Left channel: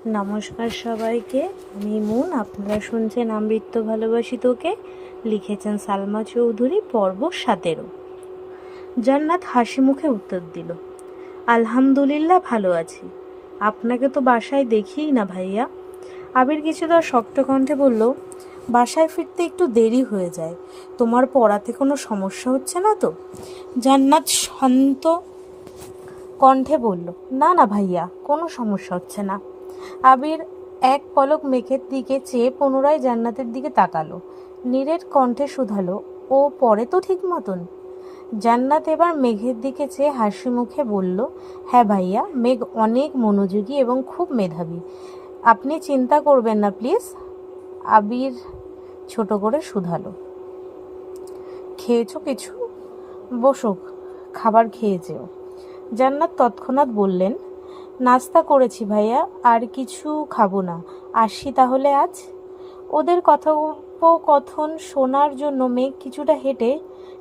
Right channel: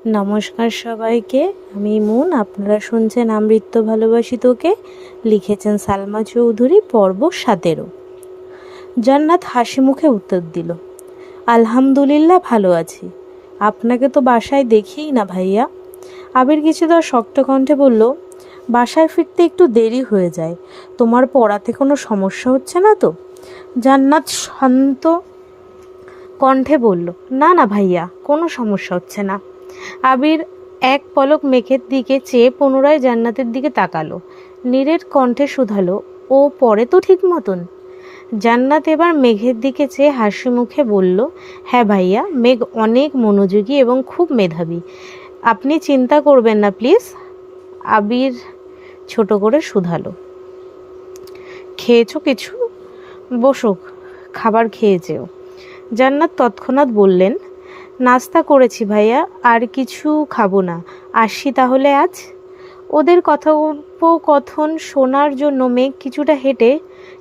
নমস্কার সবাইকে, আমি মুন। আপনারা শুনছেন আমৃত্য ভালোবাসি তোকে। লিখেছেন সালমা চৌধুরী। পর্ব 17। জান্নাত হাসি মুখে উত্তর দিল, আলহামদুলিল্লাহ ভালো আছি। আপনাকে তো বাসায় দেখিই না ভাইয়া। আবির কিছুটা শক্ত কণ্ঠে বলল, বাসায় ফিরতে একটু দেরি হয়ে যায়। তোমার পড়াতে কোনো সমস্যা হচ্ছে না তো? জান্নাত শান্ত কণ্ঠে বলল, না না ভাইয়া, কোনো সমস্যা হচ্ছে না। আবির এক পলক মেঘের দিকে চেয়ে পুনরায় জান্নাতের দিকে তাকালো। নীরের কণ্ঠে শুধালো, ও পড়ে তো ঠিক মতন? জান্নাত এবার মেঘের দিকে চেয়ে হাসি মুখে বলল, হ্যাঁ ভাইয়া, মেঘ অনেক মনোযোগী এবং খুব মেধাবী। আপনি চিন্তা করবেন না প্লিজ। আবির ছোট করে শুধালো, খেয়েছো কিছু? বসো, খাবার খেয়েছেও। জান্নাত তৎক্ষণাৎ বললেন, নাস্তা করেছি ভাইয়া, আর কিছু খাবো না। আসি তাহলে আজ। ওদের কথোপকথন শোনার জন্য মেঘ কিছুটা হেঁটে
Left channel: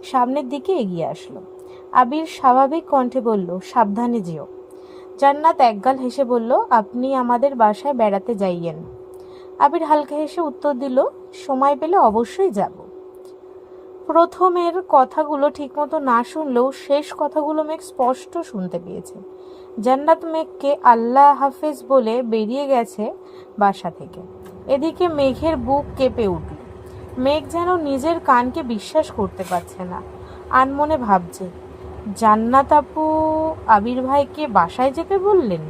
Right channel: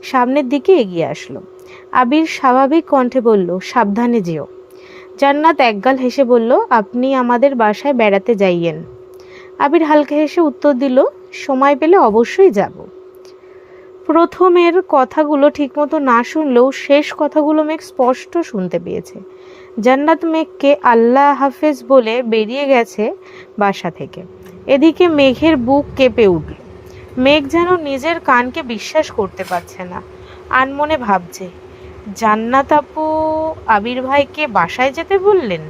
সামনের দিকে এগিয়ে আসলো। আবির স্বাভাবিক কণ্ঠে বলল, সাবধানে যেও। জান্নাত একগাল হেসে বলল, আপনি আমাদের বাসায় বেড়াতে যাইয়েন। আবির হালকা হেসে উত্তর দিল, সময় পেলে অবশ্যই যাব। প্রথমের কথাগুলো ঠিকমতো না শুনলেও শেষ কথাগুলো মেঘ স্পষ্ট শুনতে পেয়েছে। জান্নাত মেঘকে আল্লাহ হাফেজ বলে বেরিয়ে গেছে বাসা থেকে। এদিকে মেঘের বুক কেঁপে উঠল। মেঘ যেন নিজের কানকে বিশ্বাস করতে পারছে না। আনমনে ভাবছে, জান্নাত আপু আবির ভাইকে বাসায় যেতে বললেন?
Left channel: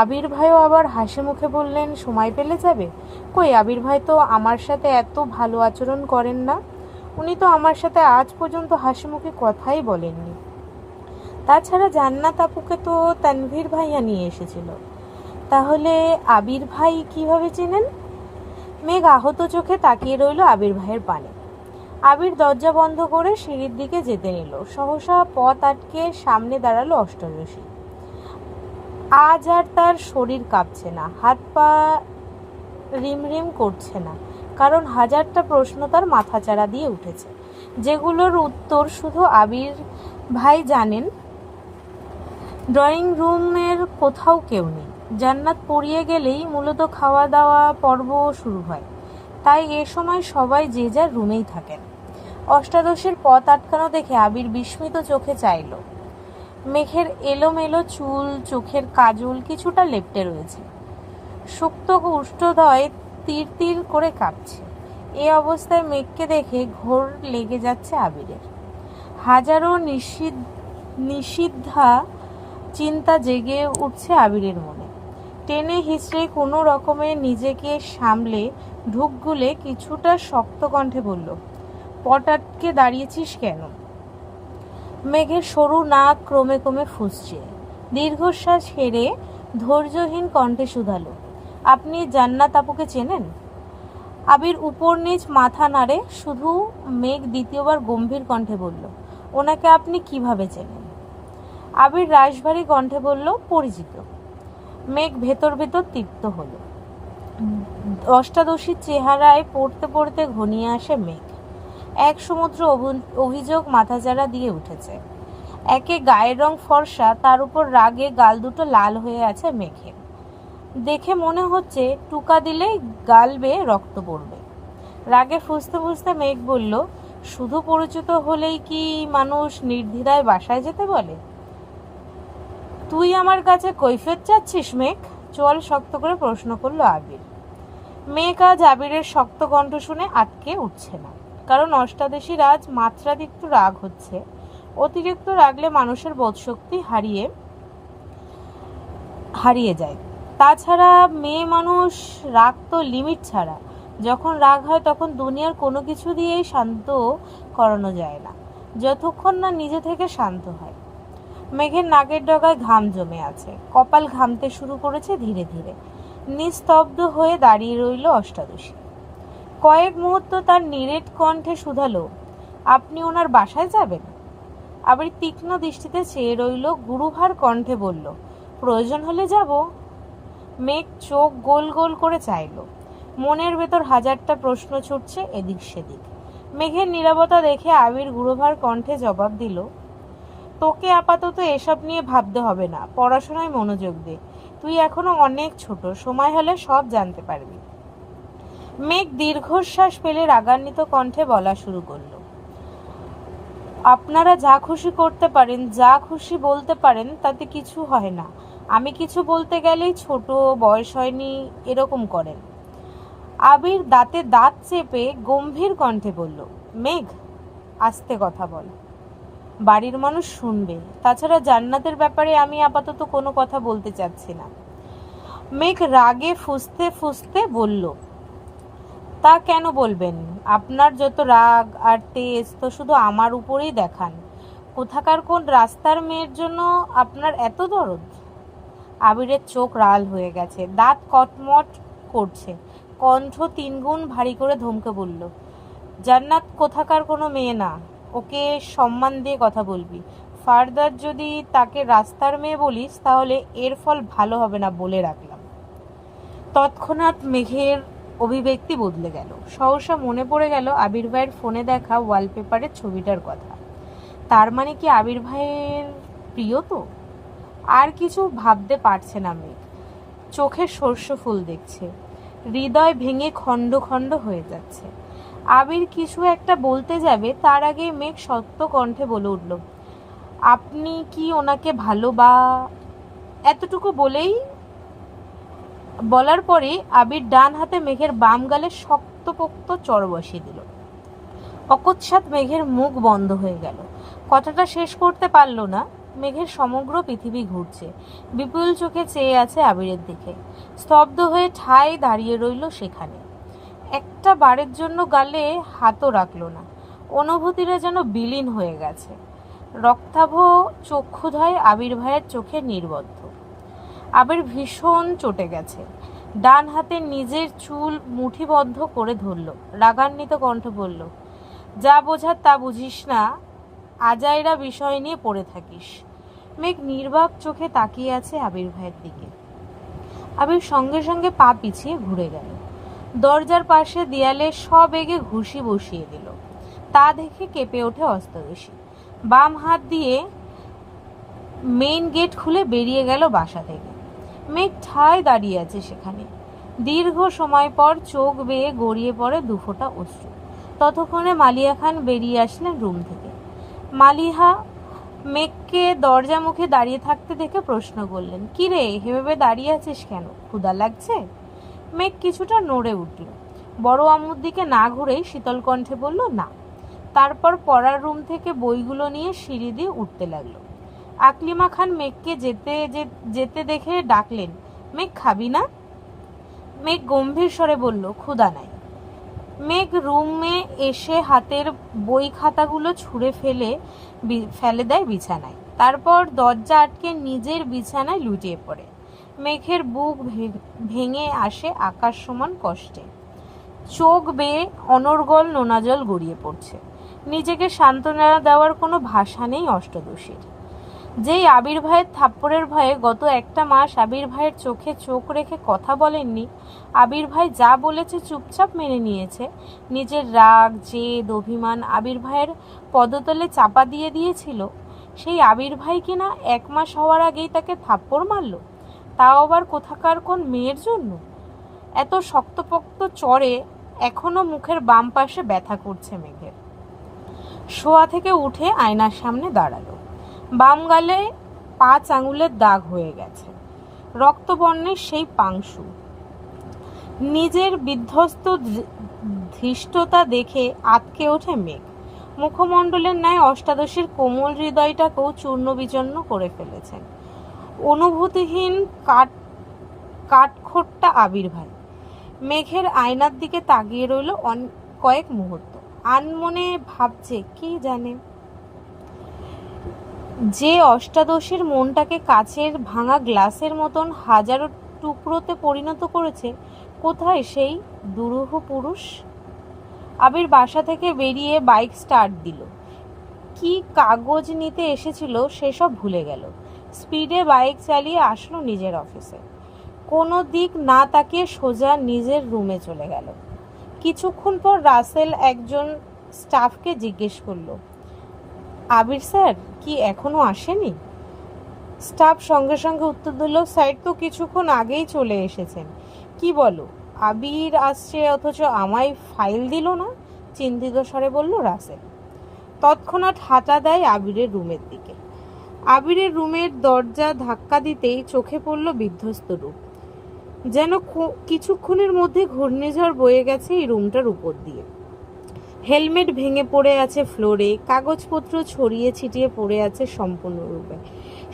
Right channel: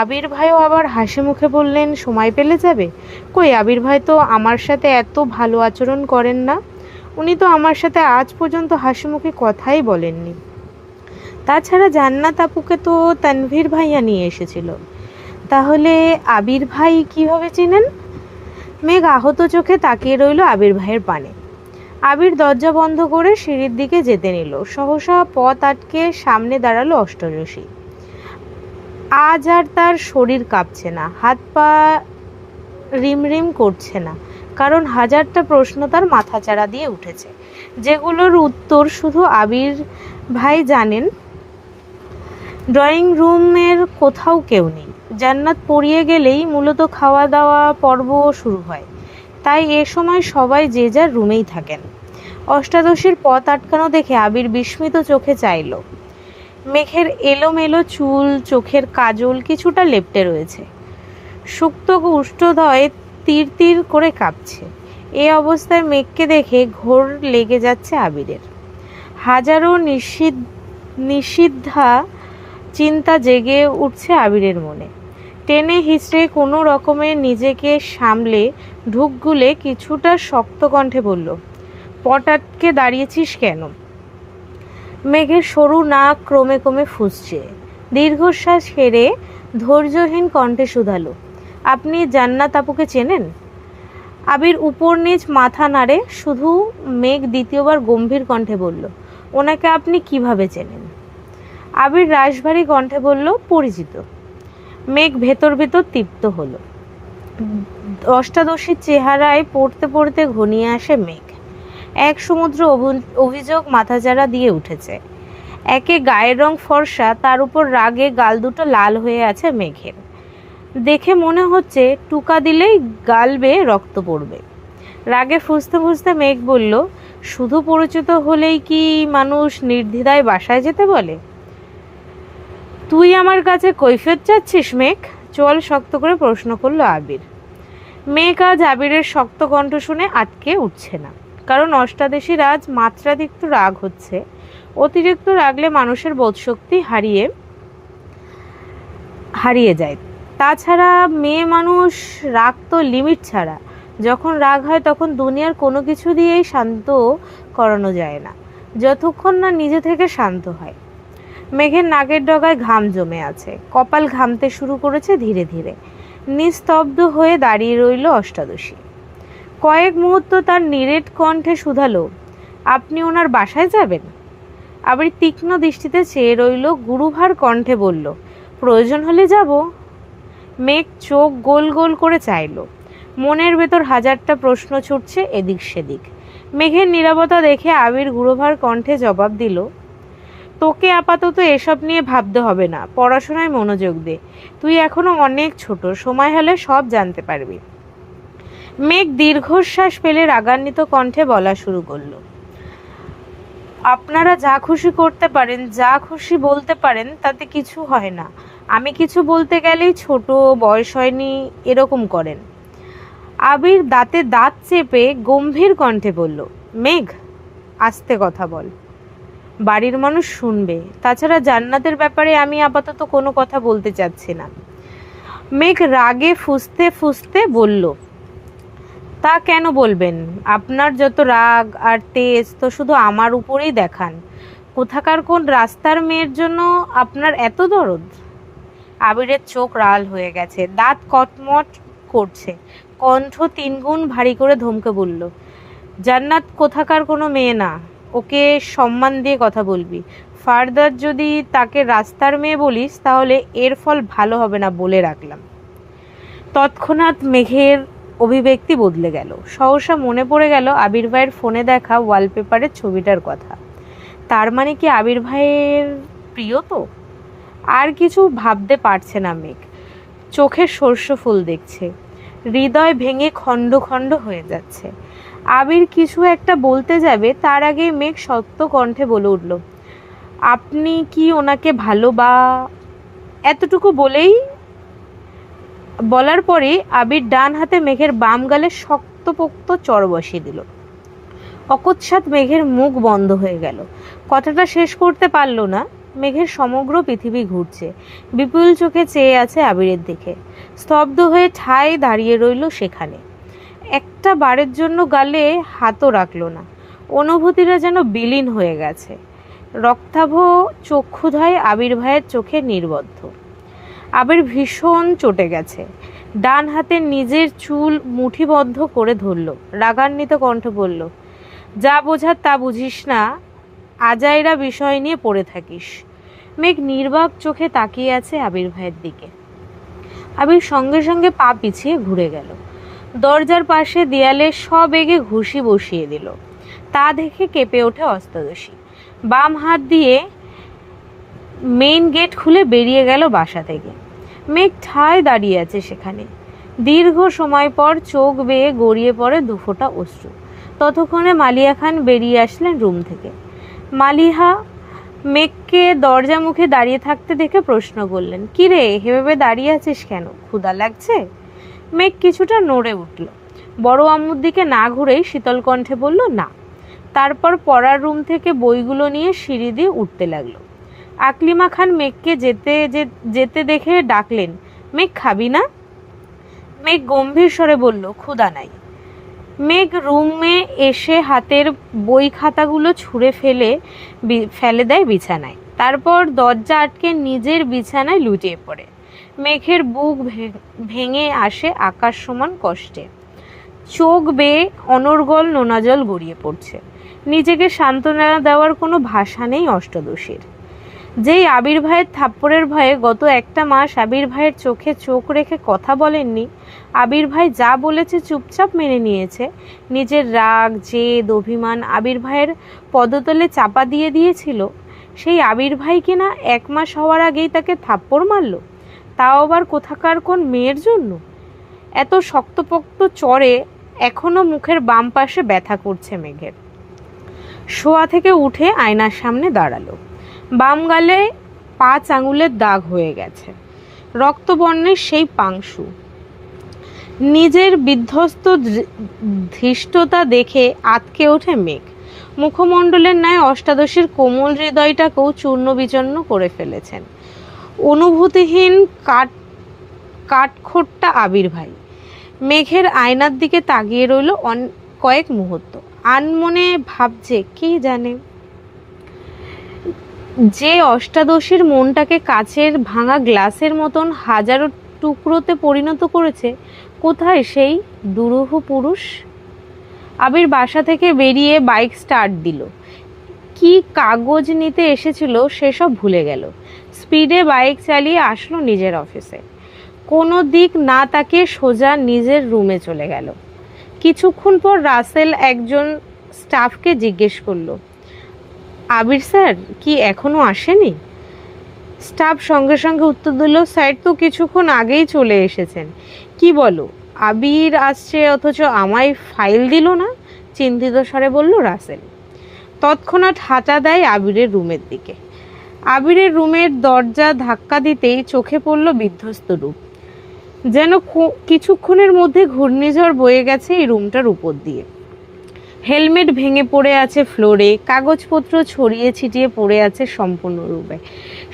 আবির ভাইও আবার হাসি মুখে বললেন, সময় পেলে যাবে। কই, আবির ভাই তো আমার সাথে এত ভালো আচরণ করেন না। উনি তো আমার সাথে আজ পর্যন্ত হাসি মুখে কথাই বলেননি। তাছাড়া জান্নাত আপুকে তো তানভীর ভাইয়া নিয়ে এসেছিল। তাহলে আবির ভাই কিভাবে চিনেন? মেঘ আহত চোখে তাকিয়ে রইল আবির ভাইয়ের পানে। আবির দরজা বন্ধ করে সিঁড়ির দিকে যেতে নিল। সহসা পথ আটকে সামনে দাঁড়ালো অষ্টরশী। আজ আর তার শরীর কাঁপছে না, হাত পা রিমরিম করছে না, কারণ হাজারটা প্রশ্ন তার মাথাচাড়া দিয়ে উঠেছে, যেগুলোর উত্তর শুধু আবির ভাই জানেন। ড্রয়িং রুমের কোথাও কেউ নেই। জান্নাত পড়িয়ে গেলেই মূলত খাওয়া দাওয়া পর্ব শুরু হয়, তাই এ সময় সবাই যে যার রুমেই থাকেন। অষ্টাদশীর পথ আটকানো দেখে আবির বিস্মিত চোখে চাইল। মেঘের এলোমেলো চুল, চোখের কাজল কিছুটা লেপ্টে রয়েছে। সুপ্ত উষ্ঠদয় তীর তীর করে কাঁপছে। এ অবস্থায় মেঘকে দেখে ঘোর লেগে যাচ্ছে আবিরের। হাজারো নিষিদ্ধা চিন্তা জেগে উঠছে আবিরের মনে। টেনে হিচড়ে কোনো রকমে নিজেকে সামলে ঢুক গুলে কিছুটা শক্ত কণ্ঠে বলল, পট আটকে দাঁড়িয়েছিস কেন? মেঘের সরু নাক ক্রমে ক্রমে ফুঁসছে। দীর্ঘশ্বাস হেরে ধৈর্যহীন কণ্ঠে শুধালো, আপনি জান্নাত আপুকে চেনেন? আবির উপর নিচ মাথা নাড়ে। শুধু মেঘ দ্বিতীয়বার গম্ভীর কণ্ঠে বলল, ওনাকে আপনি কিভাবে চেনেন? আবির রাশভারী কণ্ঠে বলল, পরিচিত। মেঘ ভেতর ভেতর তৃপ্ত হলো। অষ্টাদশীর চেহারায় পড়তে পড়তে ঘনিয়ে আসে মেঘ। এক সমুদ্র অভিযোগ মাথাচাড়া দিয়ে উঠেছে। একে গায়ের রং ফর্সা, তার উপর রাগে গাল দুটো লাল হয়ে আছে মেঘের। দেখে মনে হচ্ছে টুকা দিলেই গাল বেয়ে রক্ত পড়বে। রাগে ফুঁসতে ফুঁসতে মেঘ বলল, শুধু পরিচিত হলেই কি মানুষ নির্দ্বিধায় বাসায় যেতে বলে? তুই আমার কাছে কৈফিয়ত চাচ্ছিস মেঘ? চল, শক্ত করে প্রশ্ন করলো আবির। মেঘ আজ আবিরের শক্ত কণ্ঠ শুনে আটকে উঠছে না, কারণ অষ্টাদশীর আজ মাত্রাতিরিক্ত রাগ হচ্ছে। অতিরিক্ত রাগলে মানুষের বোধশক্তি হারিয়ে যায়। তাছাড়া মেয়ে মানুষ, রাগ তো লিমিট ছাড়া। যখন রাগ হয় তখন দুনিয়ার কোনো কিছু দিয়েই শান্ত করানো যায় না, যতক্ষণ না নিজে থেকে শান্ত হয়। মেঘের নাকের ডগায় ঘাম জমে আছে, কপাল ঘামতে শুরু করেছে ধীরে ধীরে। নিস্তব্ধ হয়ে দাঁড়িয়ে রইল অষ্টাদশী। কয়েক মুহূর্ত তার নিরেট কণ্ঠে শুধালো, আপনি ওনার বাসায় যাবেন? আবার তীক্ষ্ণ দৃষ্টিতে চেয়ে রইল। গুরুভার কণ্ঠে বলল, প্রয়োজন হলে যাব। মেঘ চোখ গোল গোল করে চাইল। মনের ভেতর হাজারটা প্রশ্ন ছুটছে এদিক সেদিক। মেঘের নীরবতা দেখে আবির গুরুভার কণ্ঠে জবাব দিল, তোকে আপাতত এসব নিয়ে ভাবতে হবে না, পড়াশোনায় মনোযোগ দে। তুই এখনো অনেক ছোট, সময় হলে সব জানতে পারবি। মেঘ দীর্ঘশ্বাস ফেলে রাগান্বিত কণ্ঠে বলা শুরু করলো, আপনারা যা খুশি করতে পারেন, যা খুশি বলতে পারেন, তাতে কিছু হয় না। আমি কিছু বলতে গেলেই ছোট, বয়স হয়নি এরকম করেন। আবির দাঁতে দাঁত চেপে গম্ভীর কণ্ঠে বলল, মেঘ, আস্তে কথা বল, বাড়ির মানুষ শুনবে। তাছাড়া জান্নাতের ব্যাপারে আমি আপাতত কোনো কথা বলতে চাচ্ছি না। মেঘ রাগে ফুঁসতে ফুঁসতে বলল, তা কেন বলবেন? আপনার যত রাগ আর তেজ তো শুধু আমার উপরেই দেখান। কোথাকার কোন রাস্তার মেয়ের জন্য আপনার এত দরদ? আবিরের চোখ লাল হয়ে গেছে, দাঁত কটমট করছে, কণ্ঠ তিনগুণ ভারী করে ধমকে বলল, জান্নাত কোথাকার কোনো মেয়ে না, ওকে সম্মান দিয়ে কথা বলবি। ফার্দার যদি তাকে রাস্তার মেয়ে বলিস তাহলে এর ফল ভালো হবে না বলে রাখলাম। তৎক্ষণাৎ মেঘের অভিব্যক্তি বদলে গেল। সহসা মনে পড়ে গেল আবির ভাইয়ের ফোনে দেখা ওয়ালপেপারের ছবিটার কথা। তার মানে কি আবির ভাইয়ের প্রিয়? তো আর কিছু ভাবতে পারছে না মেঘ। চোখে সর্ষ ফুল দেখছে, হৃদয় ভেঙে খণ্ড খণ্ড হয়ে যাচ্ছে। আবির কিছু একটা বলতে যাবে, তার আগে মেঘ শক্ত কণ্ঠে বলে উঠল, আপনি কি ওনাকে ভালো বা? এতটুকু বলার পরে আবির ডান হাতে মেঘের বাম গালে শক্তপোক্ত চড় বসিয়ে দিল। অকস্মাৎ মেঘের মুখ বন্ধ হয়ে গেল, কথাটা শেষ করতে পারল না। মেঘের সমগ্র পৃথিবী ঘুরছে, বিপুল চোখে চেয়ে আছে আবিরের দিকে। স্তব্ধ হয়ে ঠায় দাঁড়িয়ে রইল সেখানে। একটা বারের জন্য গালে হাতও রাখল না। অনুভূতিটা যেন বিলীন হয়ে গেছে। রক্তাভ চক্ষুধায় আবির ভাইয়ের চোখে নির্বদ্ধ। আবির ভীষণ চটে গেছে। ডান হাতে নিজের চুল মুঠিবদ্ধ করে ধরল, রাগান্বিত কণ্ঠ বলল, যা বোঝার তা বুঝিস না, আজাইরা বিষয় নিয়ে পড়ে থাকিস। মেঘ নির্বাক চোখে তাকিয়ে আছে আবির ভাইয়ের দিকে। আবির সঙ্গে সঙ্গে পা পিছিয়ে ঘুরে গেল। দরজার পাশে দেয়ালে সবেগে ঘুষি বসিয়ে দিল। তা দেখে কেঁপে ওঠে অষ্টাদশী। বাম হাত দিয়ে মেইন গেট খুলে বেরিয়ে গেল বাসা থেকে। মেঘ ঠায় দাঁড়িয়ে আছে সেখানে। দীর্ঘ সময় পর চোখ বেয়ে গড়িয়ে পড়ে দুফোঁটা অশ্রু। ততক্ষণে মালিয়া খান বেরিয়ে আসলেন রুম থেকে। মালিহা মেঘকে দরজা মুখে দাঁড়িয়ে থাকতে দেখে প্রশ্ন করলেন, কিরে, এভাবে দাঁড়িয়ে আছিস কেন? ক্ষুধা লাগছে? মেঘ কিছুটা নড়ে উঠল। বড় আম্মুর দিকে না ঘুরেই শীতল কণ্ঠে বলল, না। তারপর পড়ার রুম থেকে বইগুলো নিয়ে সিঁড়ি দিয়ে উঠতে লাগলো। আকলিমা খান মেঘকে যেতে দেখে ডাকলেন, মেঘ, খাবি না? মেঘ গম্ভীর স্বরে বলল, ক্ষুধা নাই। মেঘ রুমে এসে হাতের বই খাতাগুলো ছুঁড়ে ফেলে দেয় বিছানায়। তারপর দরজা আটকে নিজের বিছানায় লুটিয়ে পড়ে। মেঘের বুক ভেঙে আসে আকাশ সমান কষ্টে। চোখ বেয়ে অনর্গল নোনা জল গড়িয়ে পড়ছে। নিজেকে সান্ত্বনা দেওয়ার কোনো ভাষা নেই অষ্টাদশীর। যেই আবির ভাইয়ের থাপ্পড়ের ভয়ে গত একটা মাস আবির ভাইয়ের চোখে চোখ রেখে কথা বলেননি, আবির ভাই যা বলেছে চুপচাপ মেনে নিয়েছে, নিজের রাগ, জেদ, অভিমান আবির ভাইয়ের পদতলে চাপা দিয়ে দিয়েছিল, সেই আবির ভাই কিনা 1 মাস হওয়ার আগেই তাকে থাপ্পড় মারল, তাও আবার কোথাকার কোন মেয়ের জন্য। এত শক্তপোক্ত চড়ে এখনো মুখের বাম পাশে ব্যথা করছে মেঘের। শোয়া থেকে উঠে আয়নার সামনে দাঁড়ালো। বাম গালে 5 আঙুলের দাগ হয়ে গেছে, রক্তবর্ণের সেই পাংশু। নিজের বিধ্বস্ত ধৃষ্টতা দেখে আতকে ওঠে মেঘ। মুখমণ্ডলের ন্যায় অষ্টাদশীর কোমল হৃদয়টাকেও চূর্ণ বিচূর্ণ করে ফেলেছেন অনুভূতিহীন কাঠখোট্টা আবির ভাই। মেঘের আয়নার দিকে তাকিয়ে রইল কয়েক মুহূর্ত। আনমনে ভাবছে, কে জানে, যে অষ্টাদশীর মনটাকে কাচের ভাঙা গ্লাসের মতন হাজারো টুকরোতে পরিণত করেছে, কোথায় সেই দুরূহ পুরুষ? আবির বাসা থেকে বেরিয়ে বাইক স্টার্ট দিল। কি কাগজ নিতে এসেছিল সেসব ভুলে গেল। স্পিডে বাইক চালিয়ে আসলো নিজের অফিসে। কোনো দিক না তাকিয়ে সোজা নিজের রুমে চলে গেল। কিছুক্ষণ পর রাসেল একজন স্টাফকে জিজ্ঞেস করলো, আবির স্যার কি এখনো আসেনি? স্টাফ সঙ্গে সঙ্গে উত্তর দিল, স্যার তো কিছুক্ষণ আগেই চলে এসেছেন। কি বলো, আবির আসছে অথচ আমায় ফাইল দিল না? চিন্তিত স্বরে বলল রাসেল। তৎক্ষণাৎ হাঁটা দেয় আবিরের রুমের দিকে। আবিরের রুমের দরজা ধাক্কা দিতেই চোখে পড়ল বিধ্বস্ত রূপ। যেন কিছুক্ষণের মধ্যে ঘূর্ণিঝড় বয়ে গেছে এই রুমটার উপর দিয়ে। হেলমেট ভেঙে পড়ে আছে ফ্লোরে, কাগজপত্র ছড়িয়ে ছিটিয়ে পড়ে আছে সম্পূর্ণরূপে,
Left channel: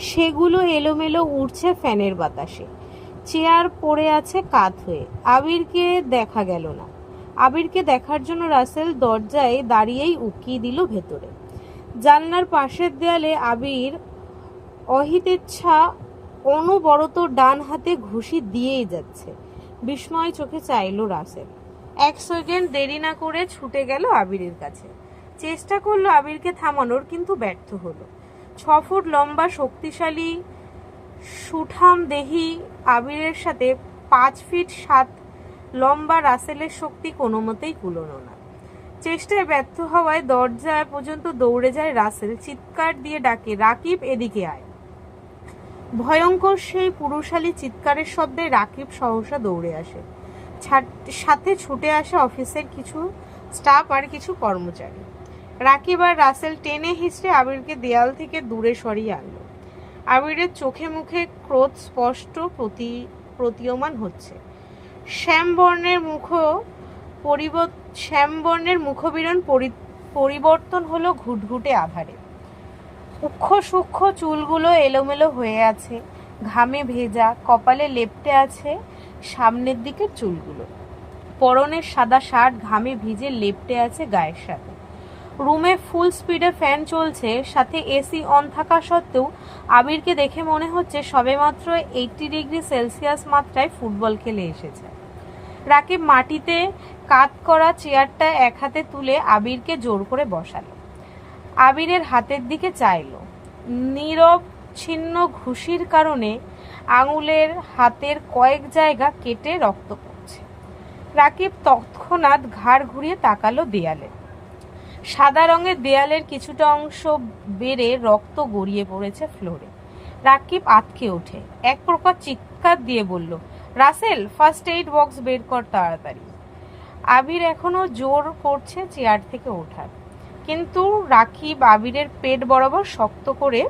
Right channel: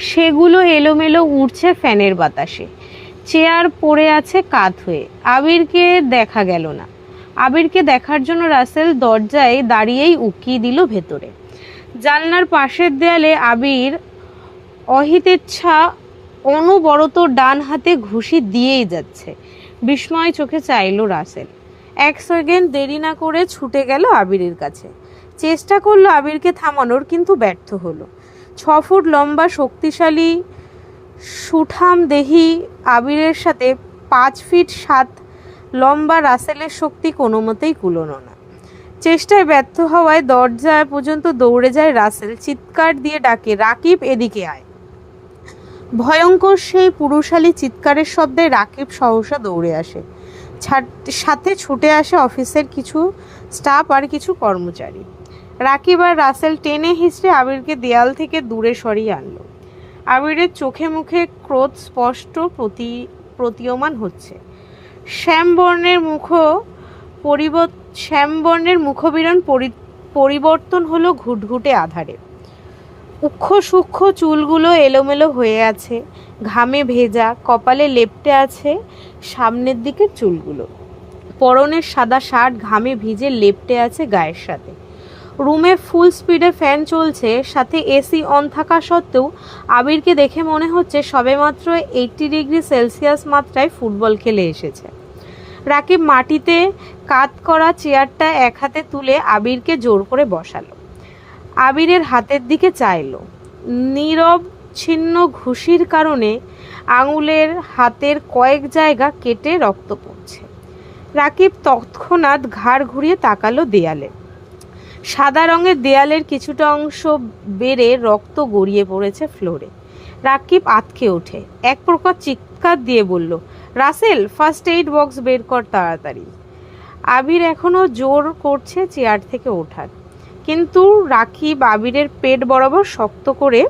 সেগুলো এলোমেলো উড়ছে ফ্যানের বাতাসে। চেয়ার পড়ে আছে কাত হয়ে। আবিরকে দেখা গেল না। আবিরকে দেখার জন্য রাসেল দরজায় দাঁড়িয়েই উকিয়ে দিল ভেতরে। জানলার পাশের দেয়ালে আবির অহিতেচ্ছা অনবরত ডান হাতে ঘুষি দিয়েই যাচ্ছে। বিস্ময় চোখে চাইল রাসেল। এক সেকেন্ড দেরি না করে ছুটে গেল আবিরের কাছে। চেষ্টা করলো আবিরকে থামানোর, কিন্তু ব্যর্থ হলো। 6 ফুট লম্বা শক্তিশালী সুঠাম দেহি আবিরের সাথে 5 ফিট 7 লম্বা রাসেলের শক্তি কোনো মতেই কুলোনো না। চেষ্টায় ব্যর্থ হওয়ায় দরজা পর্যন্ত দৌড়ে যায় রাসেল। চিৎকার দিয়ে ডাকে, রাকিব এদিকে আয়। ভয়ঙ্কর সেই পুরুষালী চিৎকারের শব্দে রাকিব সহসা দৌড়ে আসে। সাথে ছুটে আসে অফিসের কিছু স্টাফ আর কিছু কর্মচারী। রাকিব আর রাসেল টেনে হিঁচড়ে আবিরকে দেয়াল থেকে দূরে সরিয়ে আনলো। আবিরের চোখে মুখে ক্রোধ স্পষ্ট প্রতীয়মান হচ্ছে। শ্যামবর্ণের মুখবিরণ পরিবর্তন হলো ঘুটঘুটে আধারে। উক্ষ সূক্ষ্ম চুলগুলো এলোমেলো হয়ে আছে, ঘামে ভেজা, কপালে লেপ্টে আছে সামনের দিকের চুলগুলো। পরনের সাদা শার্ট ঘামে ভিজে লেপ্টে আছে গায়ের সাথে। রুমে ফুল স্পিডে ফ্যান চলছে, সাথে এসি অন থাকা সত্ত্বেও আবিরকে দেখে মনে হচ্ছে সবেমাত্র 80 ডিগ্রি সেলসিয়াস মাত্রায় ফুটবল খেলে এসেছে। রাকিব মাটিতে কাত করা চেয়ারটা এক হাতে তুলে আবিরকে জোর করে বসালো। আবিরের হাতের দিকে চাইলো। নীরব ছিন্ন ঘুষির কারণে আঙুলের হাতের কয়েক জায়গা কেটে রক্ত পড়ছে। রাকিব তৎক্ষণাৎ ঘাড় ঘুরিয়ে তাকালো দেয়ালে। সাদা রঙের দেয়ালের কিছুটা অংশ বেড়ে রক্ত গড়িয়ে পড়েছে ফ্লোরে। রাকিব আঁতকে ওঠে, এক প্রকার চিৎকার দিয়ে বলল, রাসেল, ফার্স্ট এইড বক্স বের কর তাড়াতাড়ি। আবির এখনো জোর করছে চেয়ার থেকে ওঠার, কিন্তু রাকিব আবিরের পেট বরাবর শক্ত করে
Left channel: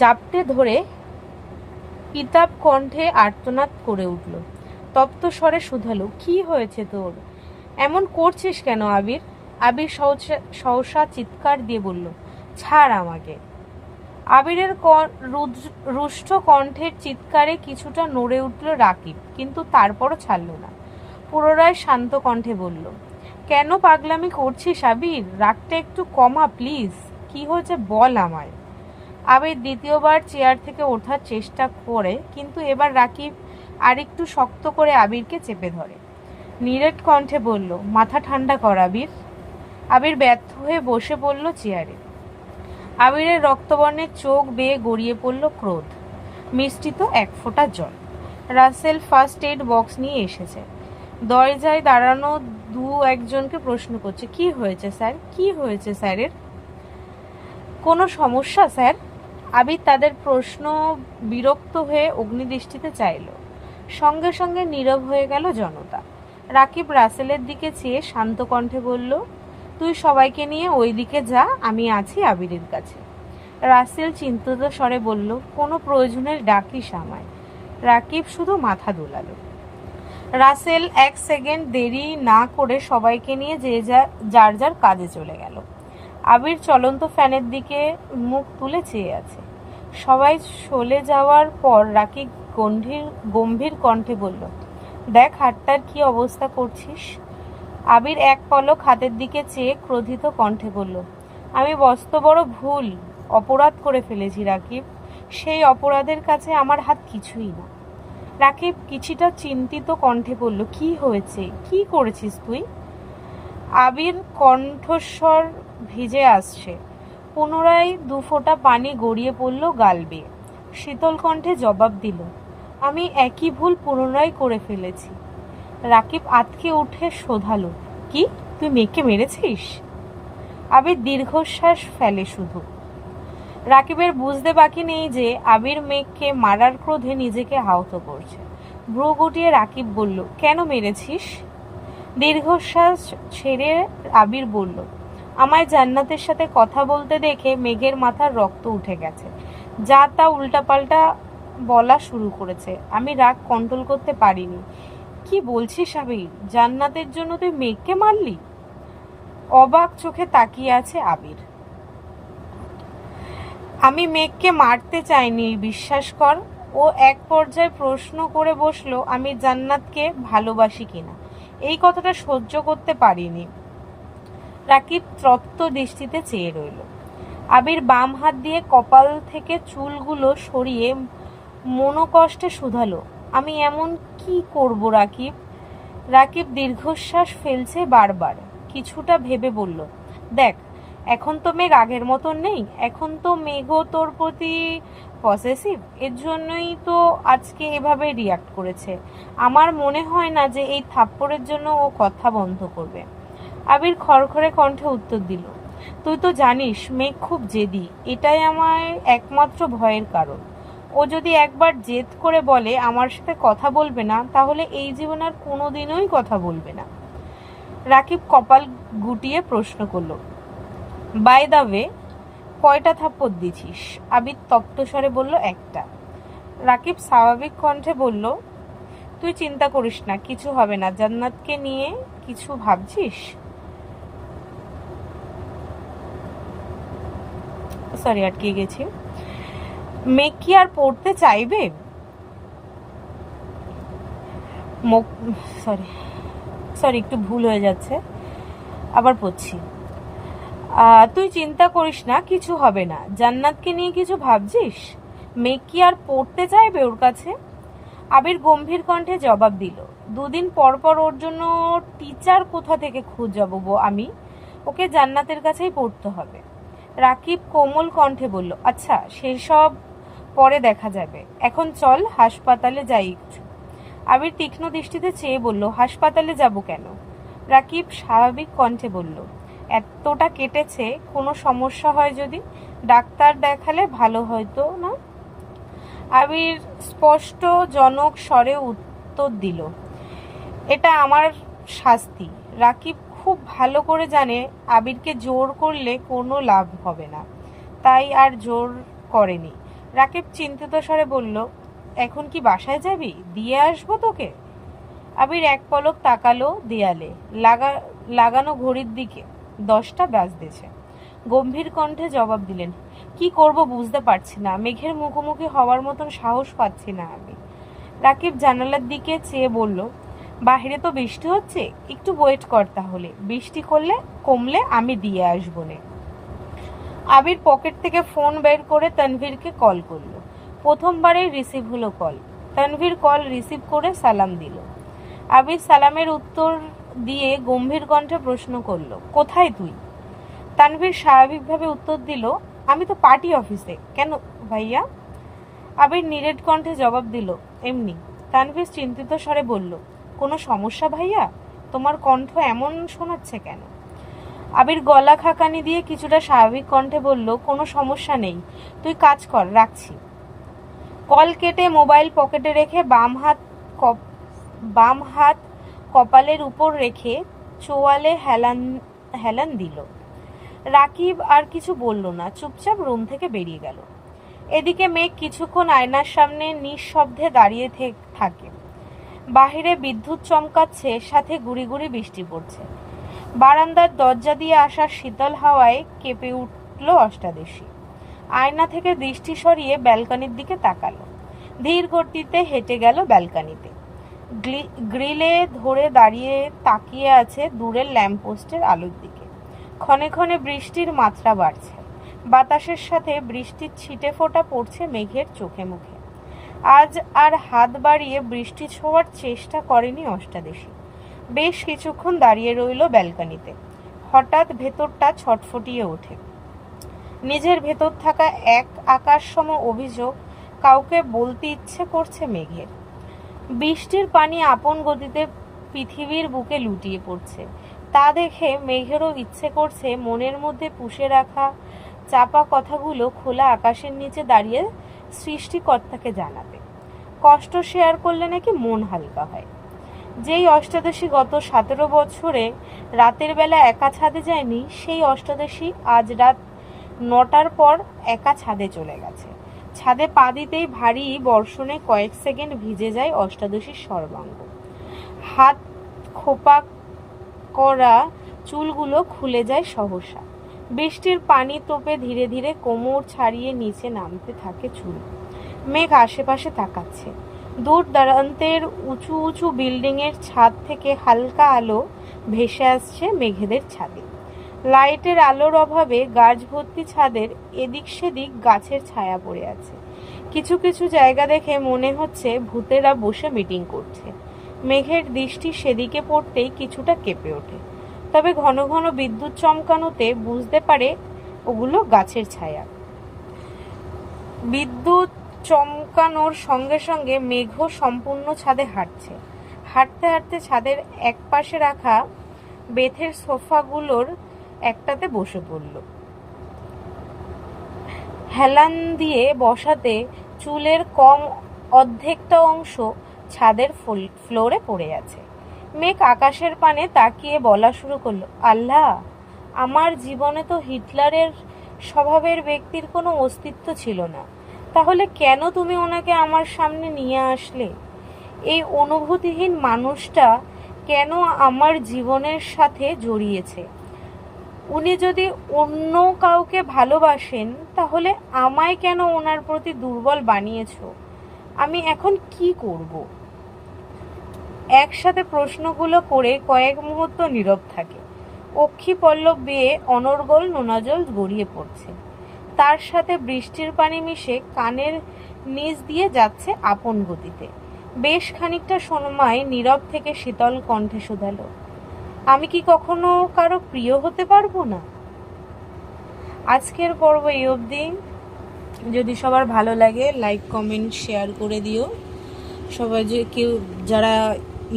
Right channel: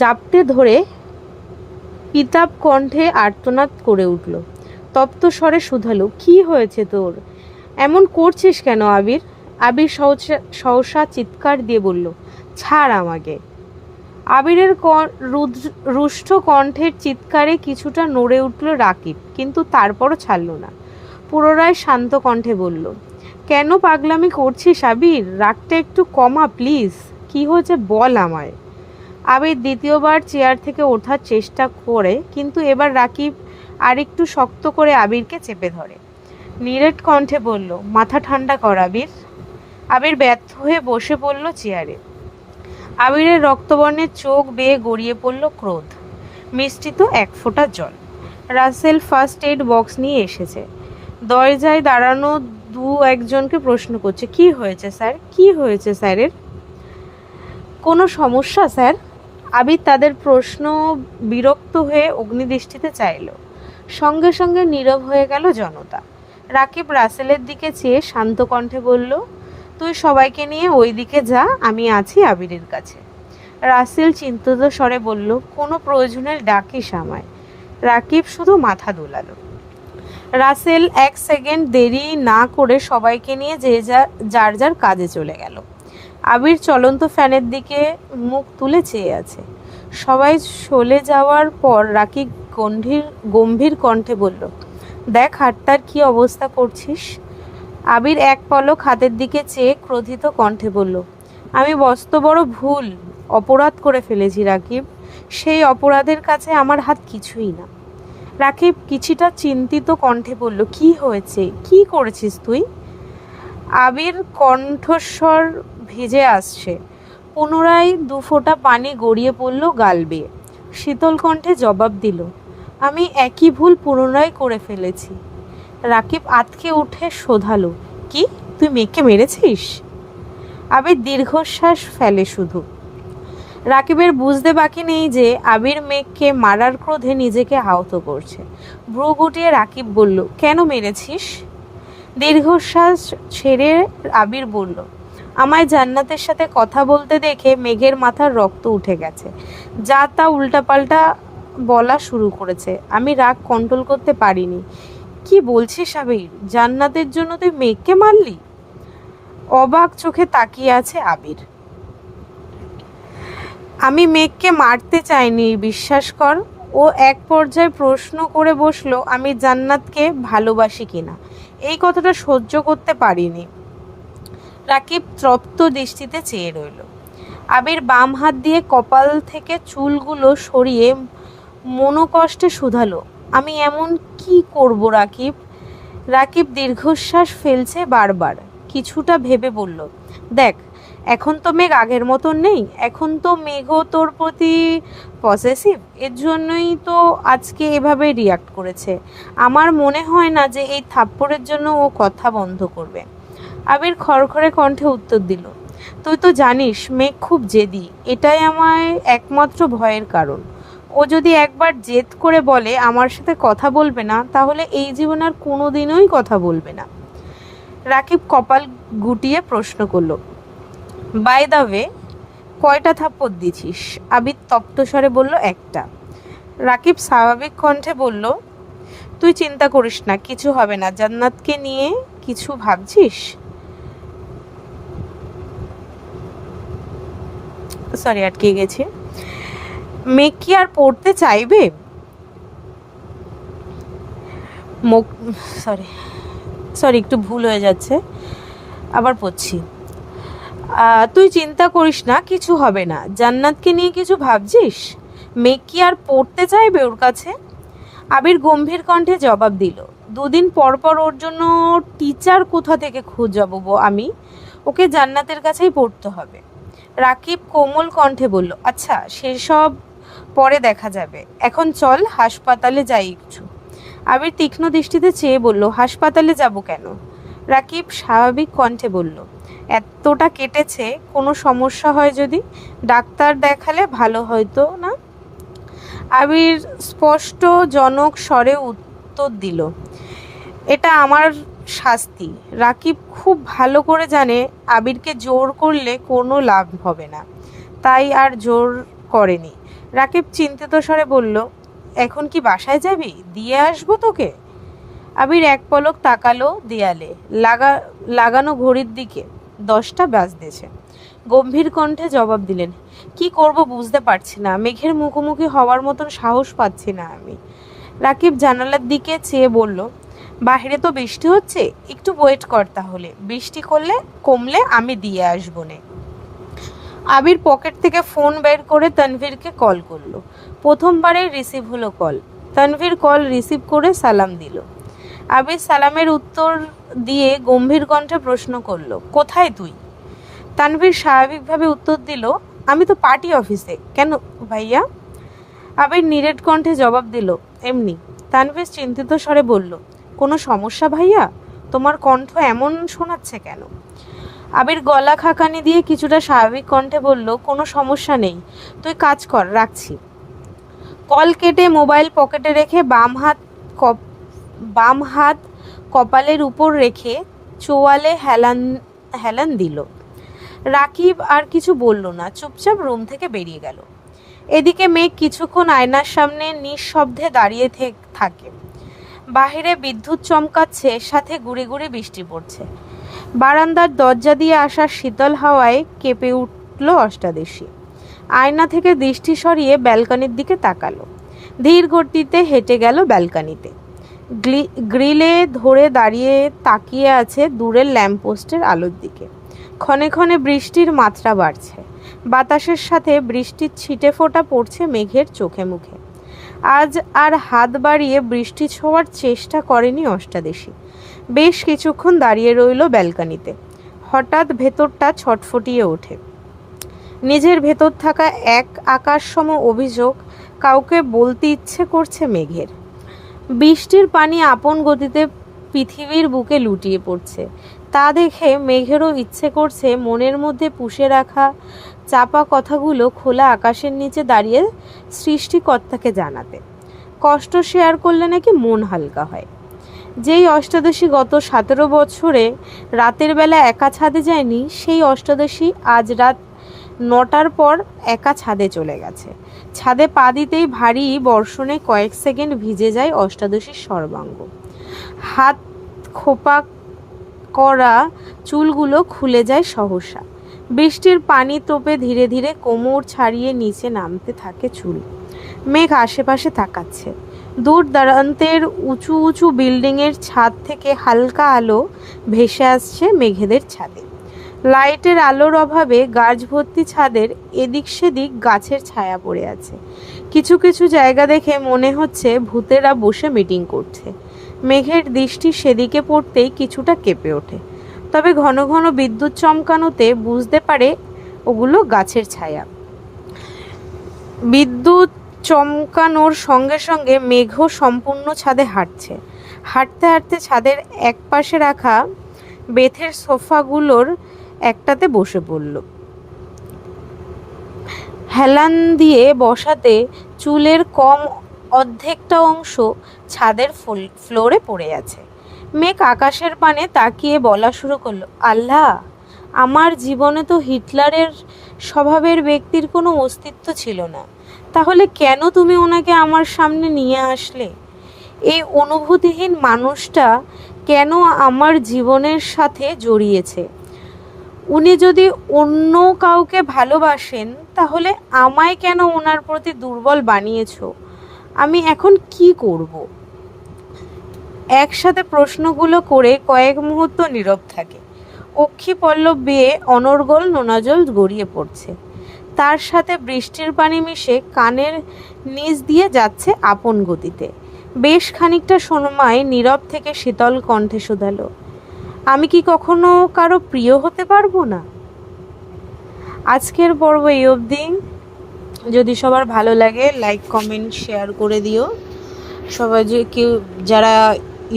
জাপটে ধরে পিতাব কণ্ঠে আর্তনাদ করে উঠল। তপ্ত স্বরে শুধালো, কি হয়েছে তোর? এমন করছিস কেন আবির? আবির সহসা চিৎকার দিয়ে বলল, ছাড় আমাকে। আবিরের রুষ্ট কণ্ঠের চিৎকারে কিছুটা নড়ে উঠল রাকিব, কিন্তু তারপরও ছাড়ল না। পুনরায় শান্ত কণ্ঠে বলল, কেন পাগলামি করছিস আবির? রাগটা একটু কমা প্লিজ। কি হয়েছে বল আমায়। আবির দ্বিতীয়বার চেয়ার থেকে ওঠার চেষ্টা করে, কিন্তু এবার রাকিব আরেকটু শক্ত করে আবিরকে চেপে ধরে। নিরেট কণ্ঠে বলল, মাথা ঠান্ডা কর আবির। আবির ব্যর্থ হয়ে বসে পড়ল চেয়ারে। আবিরের রক্তবর্ণের চোখ বেয়ে গড়িয়ে পড়ল ক্রোধ মিশ্রিত এক ফোঁটা জল। রাসেল ফার্স্ট এইড বক্স নিয়ে এসেছে। দরজায় দাঁড়ানো একজনকে প্রশ্ন করছে, কি হয়েছে স্যার? কি হয়েছে স্যারের? কোনো সমস্যা স্যার? আবির তাদের প্রশ্ন বিরক্ত হয়ে অগ্নিদৃষ্টিতে চাইল। সঙ্গে সঙ্গে নীরব হয়ে গেল জনতা। রাকিব রাসেলের দিকে চেয়ে শান্ত কণ্ঠে বলল, তুই সবাইকে নিয়ে ওই দিকে যা, আমি আছি আবিরের কাছে। রাসেল চিন্তিত স্বরে বলল, কোনো প্রয়োজনের ডাকিস আমায়। রাকিব শুধু মাথা দোলালো। রাসেল এক সেকেন্ড দেরি না করে সবাইকে নিয়ে যার যার কাজে চলে গেল। আবির চলন্ত ফ্যানের দিকে মুখ তুলে চেয়ে আছে। সবাই চলে যাওয়ার পর রাকিব গম্ভীর কণ্ঠে বলল, দেখ হাতটার কি অবস্থা করছিস। আবির এক পলক হাতের দিকে চেয়ে ক্রোধিত কণ্ঠে বলল, আমি বড় ভুল অপরাধ করে ফেলেছি রাকিব। সেই অপরাধের কাছে আমার হাত কিছুই না। রাকিব কিছুটা চিন্তিত কণ্ঠে বলল, কি হয়েছে? কি করেছিস তুই? আবির কণ্ঠস্বর ভিজে আসছে। পুনরায় 2 ফোঁটা পানি গড়িয়ে পড়ল গাল বেয়ে। শীতল কণ্ঠে জবাব দিল, আমি একই ভুল পুনরায় করে ফেলেছি। রাকিব আঁতকে উঠে শোধালো, কি তুই মেয়েকে মেরেছিস? আবির দীর্ঘশ্বাস ফেলে শুধু। রাকিবের বুঝতে বাকি নেই যে আবির মেঘকে মারার ক্রোধে নিজেকে আহত করছে। ভ্রু গুটিয়ে রাকিব বলল, কেন মেরেছিস? দীর্ঘশ্বাস ছেড়ে আবির বলল, আমায় জান্নাতের সাথে কথা বলতে দেখে মেঘের মাথার রক্ত উঠে গেছে, যা তা উল্টাপাল্টা বলা শুরু করেছে। আমি রাগ কন্ট্রোল করতে পারিনি। কি বলছিস আবির? জান্নাতের জন্য তুই মেঘকে মারলি? অবাক চোখে তাকিয়ে আছে আবির। আমি মেঘকে মারতে চাইনি, বিশ্বাস কর। ও এক পর্যায়ে প্রশ্ন করে বসলো, আমি জান্নাতকে ভালোবাসি কিনা। এই কথাটা সহ্য করতে পারিনি। রাকিব তৃপ্ত দৃষ্টিতে চেয়ে রইল। আবির বাম হাত দিয়ে কপাল থেকে চুলগুলো সরিয়ে মনোকষ্টে শুধালো, আমি এমন কি করব রাকিব? রাকিব দীর্ঘশ্বাস ফেলছে বারবার, কিছুটা ভেবে বলল, দেখ, এখন তো মেঘ আগের মতন নেই। এখন তো মেঘও তোর প্রতি পসেসিভ। এর জন্যই তো আজকে এভাবে রিয়াক্ট করেছে। আমার মনে হয় না যে এই থাপ্পড়ের জন্য ও কথা বন্ধ করবে। আবির খড়খড়ে কণ্ঠে উত্তর দিল, তুই তো জানিস মেঘ খুব জেদি। এটাই আমায় একমাত্র ভয়ের কারণ। ও যদি একবার জেদ করে বলে আমার সাথে কথা বলবে না, তাহলে এই জীবনে আর কোনোদিনই কথা বলবে না। রাকিব কপাল গুটিয়ে প্রশ্ন করলো, বাই দ্য ওয়ে, কয়টা থাপ্পড় দিছিস? আবির তপ্ত স্বরে বলল, একটা। রাকিব স্বাভাবিক কণ্ঠে বলল, তুই চিন্তা করিস না, কিছু হবে না। জান্নাতকে নিয়ে কিছু ভাবছিস? সরি, আটকে গেছি। মেঘ কি আর পড়তে চাইবে? সরি সরি একটু ভুল হয়ে যাচ্ছে, আবার পড়ছি। তুই চিন্তা করিস না, কিছু হবে না। জান্নাতকে নিয়ে কিছু ভাবছিস? মেঘ কি আর পড়তে চাইবে ওর কাছে? আবির গম্ভীর কণ্ঠে জবাব দিল, দুদিন পর পর ওর জন্য টিচার কোথা থেকে খোঁজাবো আমি? ওকে জান্নাতের কাছেই পড়তে হবে। রাকিব কোমল কণ্ঠে বলল, আচ্ছা সেসব পরে দেখা যাবে, এখন চল হাসপাতালে যাই কিছু। আবির তীক্ষ্ণ দৃষ্টিতে চেয়ে বলল, হাসপাতালে যাব কেন? রাকিব স্বাভাবিক কণ্ঠে বলল, এতটা কেটেছে, কোনো সমস্যা হয় যদি? ডাক্তার দেখালে ভালো হয়তো না? আবির স্পষ্টজনক স্বরে উত্তর দিল, এটা আমার শাস্তি। রাকিব খুব ভালো করে জানে আবিরকে জোর করলে কোনো লাভ হবে না, তাই আর জোর করেনি। রাকিব চিন্তিত স্বরে বলল, এখন কি বাসায় যাবি? দিয়ে আসবো তোকে? আবির এক পলক তাকালো দেয়ালে লাগানো ঘড়ির দিকে। 10টা বাজতেছে। গম্ভীর কণ্ঠে জবাব দিলেন, কি করব বুঝতে পারছি না। মেঘের মুখোমুখি হওয়ার মতন সাহস পাচ্ছি না আমি। রাকিব জানালার দিকে চেয়ে বলল, বাহিরে তো বৃষ্টি হচ্ছে, একটু ওয়েট কর, তাহলে বৃষ্টি কমলে আমি দিয়ে আসবো নে। আবির পকেট থেকে ফোন বের করে তানভীরকে কল করলো। প্রথমবারেই রিসিভ হলো কল। তানভীর কল রিসিভ করে সালাম দিল। আবির সালামের উত্তর দিয়ে গম্ভীর কণ্ঠে প্রশ্ন করলো, কোথায় তুই? তানভীর স্বাভাবিকভাবে উত্তর দিল, আমি তো পার্টি অফিসে। কেন ভাইয়া? আবির নিরেট কণ্ঠে জবাব দিল, এমনি। তানভীর চিন্তিত স্বরে বলল, কোনো সমস্যা ভাইয়া? তোমার কণ্ঠ এমন শোনাচ্ছে কেন? আবির গলা খাকানি দিয়ে কিছুটা স্বাভাবিক কণ্ঠে বলল, কোনো সমস্যা নেই, তুই কাজ কর, রাখছি। কল কেটে মোবাইল পকেটে রেখে বাম হাত কপালের উপর রেখে চোয়ালে হেলান দিল। রাকিব আর কিছু বলল না, চুপচাপ রুম থেকে বেরিয়ে গেল। এদিকে মেঘ কিছুক্ষণ আয়নার সামনে নিঃশব্দে দাঁড়িয়ে থাকে। বাহিরে বিদ্যুৎ চমকাচ্ছে, সাথে গুড়ি গুড়ি বৃষ্টি পড়ছে। বারান্দার দরজা দিয়ে আসা শীতল হাওয়ায় কেঁপে উঠল অষ্টাদশী। আয়না থেকে দৃষ্টি সরিয়ে ব্যালকনির দিকে তাকালো। ধীর গতিতে হেঁটে গেল ব্যালকনিতে। গ্রিলে ধরে দাঁড়িয়ে তাকিয়ে আছে দূরের ল্যাম্পপোস্টের আলোর দিকে। ক্ষণে ক্ষণে বৃষ্টির মাত্রা বাড়ছে। বাতাসের সাথে বৃষ্টির ছিটে ফোঁটা পড়ছে মেঘের চোখে মুখে। আজ আর হাত বাড়িয়ে বৃষ্টি ছোঁয়ার চেষ্টা করেনি অষ্টাদশী। বেশ কিছুক্ষণ দাঁড়িয়ে রইল ব্যালকনিতে। হঠাৎ ভেতরটা ছটফটিয়ে ওঠে। নিজের ভেতর থাকা এক আকাশসম অভিযোগ কাউকে বলতে ইচ্ছে করছে মেঘের। বৃষ্টির পানি আপন গতিতে পৃথিবীর বুকে লুটিয়ে পড়ছে। তা দেখে মেঘেরও ইচ্ছে করছে মনের মধ্যে পুষে রাখা চাপা কথাগুলো খোলা আকাশের নিচে দাঁড়িয়ে সৃষ্টিকর্তাকে জানাতে। কষ্ট শেয়ার করলে নাকি মন হালকা হয়। যেই অষ্টাদশী গত 17 বছরে রাতের বেলা একা ছাদে যায়নি, সেই অষ্টাদশী আজ রাত 9টার পর একা ছাদে চলে গেছে। ছাদে পা দিতেই ভারী বর্ষণে কয়েক সেকেন্ড ভিজে যায় অষ্টাদশীর সর্বাঙ্গ। হাত খোপা করা চুলগুলো খুলে যায় সহসা। বৃষ্টির পানি তোপে ধীরে ধীরে কোমর ছাড়িয়ে নিচে নামতে থাকে চুল। মেঘ আশেপাশে তাকাচ্ছে। দূর দূরান্তের উঁচু উঁচু বিল্ডিংয়ের ছাদ থেকে হালকা আলো ভেসে আসছে মেঘেদের ছাদে। লাইটের আলোর অভাবে গাছ ভর্তি ছাদের এদিক সেদিক গাছের ছায়া পড়ে আছে। কিছু কিছু জায়গা দেখে মনে হচ্ছে ভূতেরা বসে মিটিং করছে। মেঘের দৃষ্টি সেদিকে পড়তেই কিছুটা কেঁপে ওঠে, তবে ঘন ঘন বিদ্যুৎ চমকানোতে বুঝতে পারে ওগুলো গাছের ছায়া। বিদ্যুৎ চমকানোর সঙ্গে সঙ্গে মেঘও সম্পূর্ণ ছাদে হাঁটছে। হাঁটতে হাঁটতে ছাদের এক পাশে রাখা বেতের সোফাগুলোর একটাতে বসে পড়ল। হেলান দিয়ে বসাতে চুলের কম অর্ধেকটা অংশ ছাদের ফ্লোরে পড়ে আছে। মেঘ আকাশের পানে তাকিয়ে বলা শুরু করলো, আল্লাহ, আমার জীবনে তো হিটলারের স্বভাবের ব্যক্তির কোনো অস্তিত্ব ছিল না, তাহলে কেন তুমি ওনাকে আমার সামনে নিয়ে আসলে? এই অনুভূতিহীন মানুষটা কেন আমার জীবনের সাথে জড়িয়েছে? উনি যদি অন্য কাউকে ভালোবাসেন, তাহলে আমায় কেন ওনার প্রতি দুর্বল বানিয়েছো? আমি এখন কি করব? একসাথে প্রশ্নগুলো করে কয়েক মুহূর্ত নীরব থাকে। অক্ষি পল্লব বেয়ে অনর্গল নোনাজল গড়িয়ে পড়ছে। তার সাথে বৃষ্টির পানি মিশে কানের নিচ দিয়ে যাচ্ছে আপন গতিতে। বেশ খানিকটা সময় নীরব থেকে শীতল কণ্ঠে শুধালো, আমি কি কখনো কারো প্রিয় হতে পারবো না? আজকের পর্ব এই অবধি। যদি সবার ভালো লাগে লাইক কমেন্ট শেয়ার করে দিও। সবাই যে কেউ যারা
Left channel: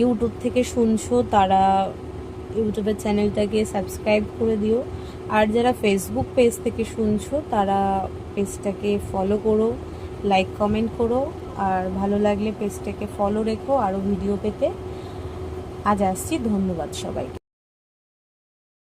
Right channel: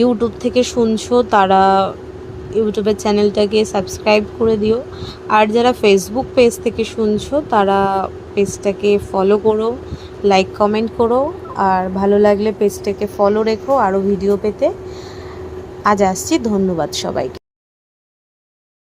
ইউটিউব থেকে শুনছো তারা ইউটিউবের চ্যানেলটাকে সাবস্ক্রাইব করে দিও, আর যারা ফেসবুক পেজ থেকে শুনছো তারা পেজটাকে ফলো করো, লাইক কমেন্ট করো, আর ভালো লাগলে পেজটাকে ফলো রেখো আরও ভিডিও পেতে। আজ আসছি, ধন্যবাদ সবাইকে।